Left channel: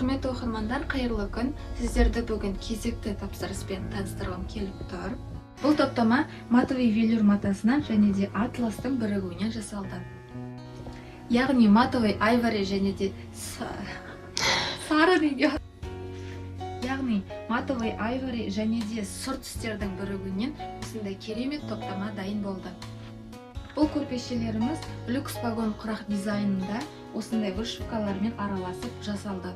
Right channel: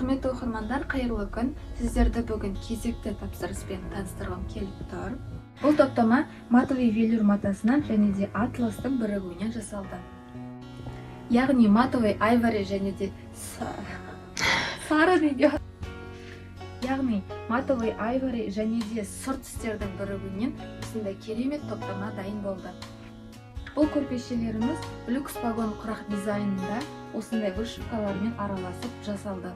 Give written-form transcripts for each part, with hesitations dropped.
Құрметті оқырмандар, қайырлы күн. Сіздерді бүгін кезекті тапсырыспен таныстырғым келіп тұр. Бұл топтама матовый велюр матасынан және де атластың бірігуінен жасалды. Яғни матовый айвори және де сары неге. Яғни матовый айвори және де сұр түстердің бірігуінен осындай керемет топтама дайын болды. Бұл көрпешелеріміз люкс вагон құрақ дизайнында осындай вышивкалармен араласып жасалды.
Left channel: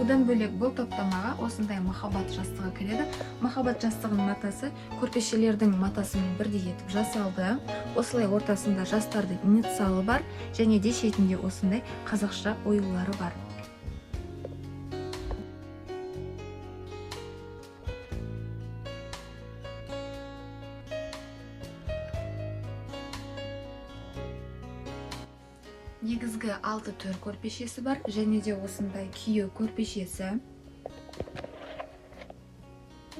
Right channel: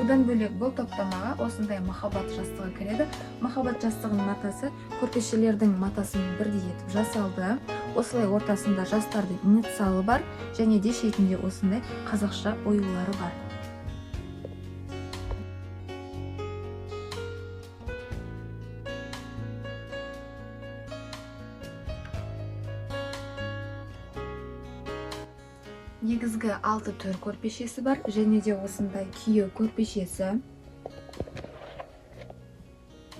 Одан бөлек бұл топтамаға осындай махаббат жастығы кіреді. Махаббат жастығының матасы көрпешелердің матасымен бірдей етіп жасалды. Осылай ортасында жастарды инициалы бар және де шетінде осындай қазақша оюлары бар. Негізгі 6 төр көрпешесі бар, және де осындай күйеу көрпешесі.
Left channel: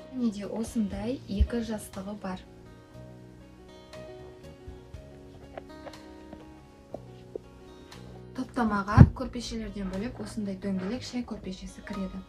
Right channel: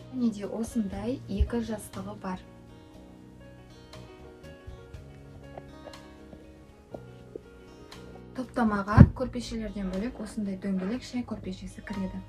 Және де осындай 2 жастығы бар. Топтамаға көрпешелерден бөлек осындай дөңгелек шай көрпешесі кіреді.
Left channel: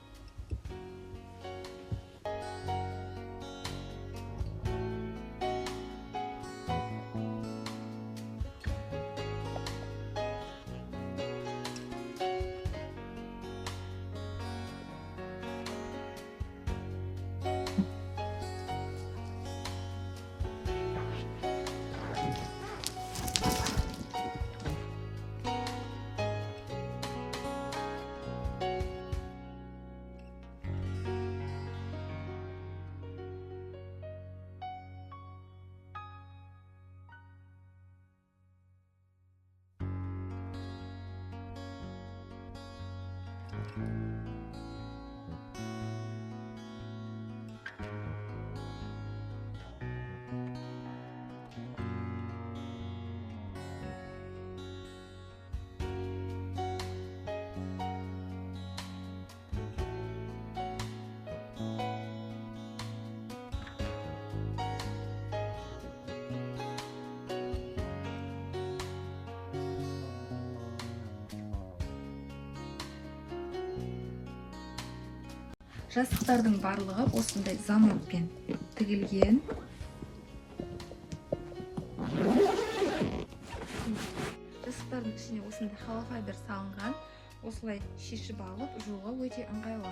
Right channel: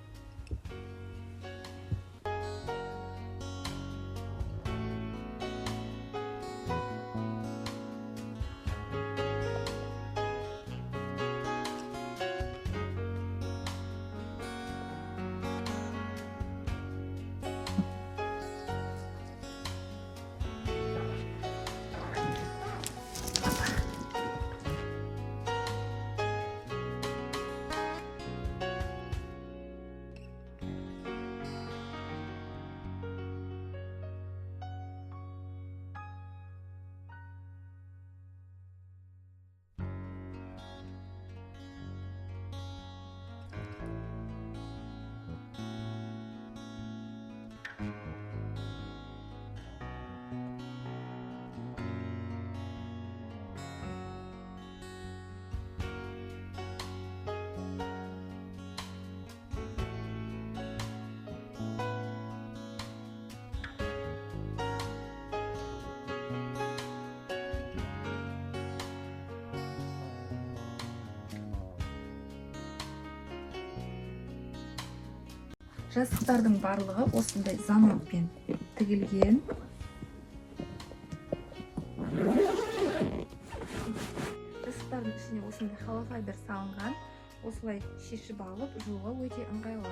Жастықтардың барлығы осындай заматпен тігілген. Жастықтардың ішіне осындай холофайбер салынған. Осылай шешіп алып жууға өте ыңғайлы.